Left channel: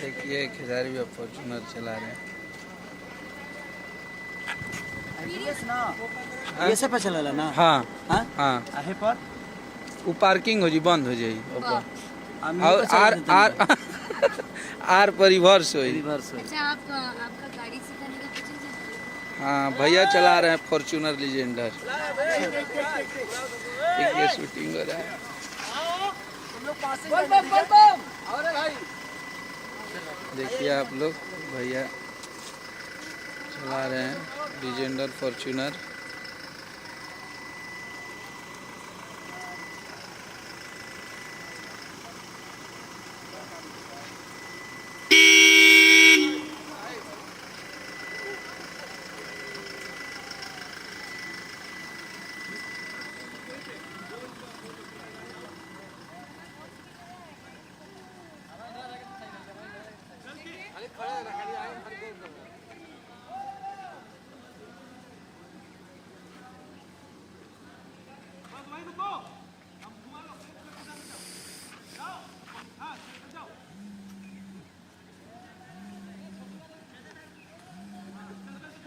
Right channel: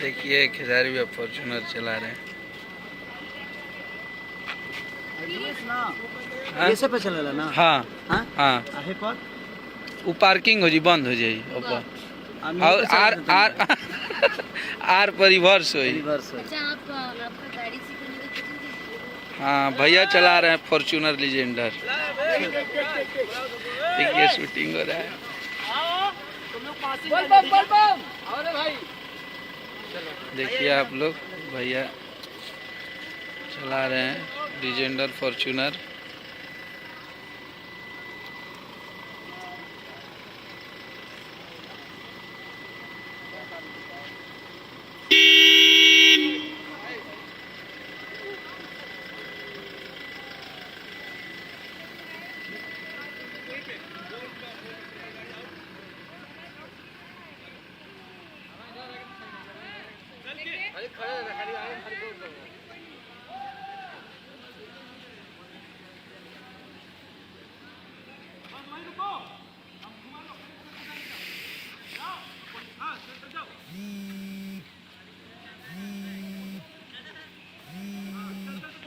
देखिए खिलाड़ी भी फॉर्चूनर चला रहे हैं। ऐसे पे चलेला ना। हाँ हाँ हाँ आहे पर वो पार्किंग हो जी, बंद हो जाई ऊपर हम और आर आर आर पर रिवर्स हुई। रिवर्स है। अच्छा, आप आपका गाड़ी सिखाने का कुछ हाँ भैया चला रहे हैं फॉर्चूनर लीजेंडर। देखिए शूटिंग हो रहा है। देखिए आप लोग, भैया चला रहे हैं लीजेंडर फॉर्चूनर।